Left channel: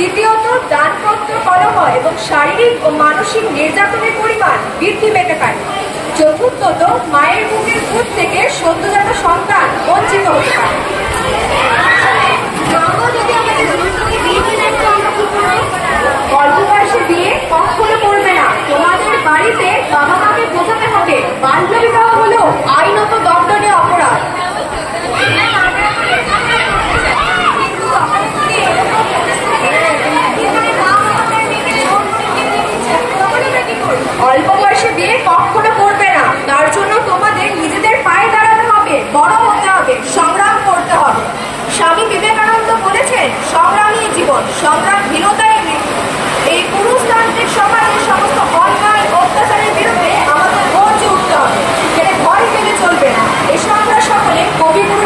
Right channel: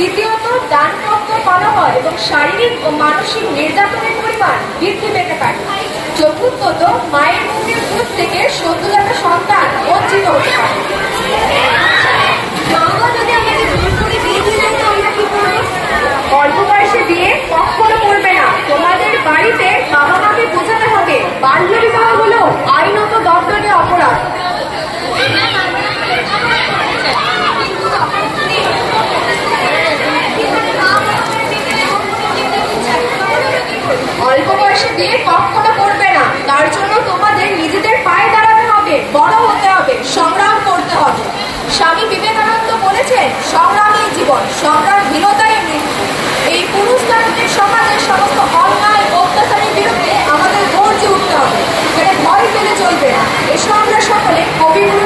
দ্বিতীয়ত, দানপত্র করা হয় এবং শারীরিক ও মানসিক নির্যাতনের পরিমাণ বৃদ্ধি পেতে পারে। চতুর্থত, মায়ের মুখের দুধ থেকে সদ্যজাত সন্তান বঞ্চিত হতে পারে। অল্প বয়সে বিয়ে কখনো করবে না। তোমাদের বাড়িতে বাবা মাকে বোঝাতে হবে বাল্য বিবাহ হলো আইনত দণ্ডনীয় অপরাধ। অল্প বয়সে বিয়ে কখনো করবে না। তার জন্য তোমাদের নিজেদের পায়ে দাঁড়াতে হবে, বড় হতে হবে, সংগ্রাম করতে হবে। স্বামী বিবেকানন্দ বলেছেন, সংগ্রামী জীবন, সংগ্রামহীনতাই মৃত্যু। এই পুরুষতান্ত্রিক সমাজের সমস্ত অন্যায় অত্যাচারের বিরুদ্ধে আমাদের গর্জে উঠতে হবে, সেটা ভয় পেলে চলবে না। এসো আমরা সকলে কবিগুরু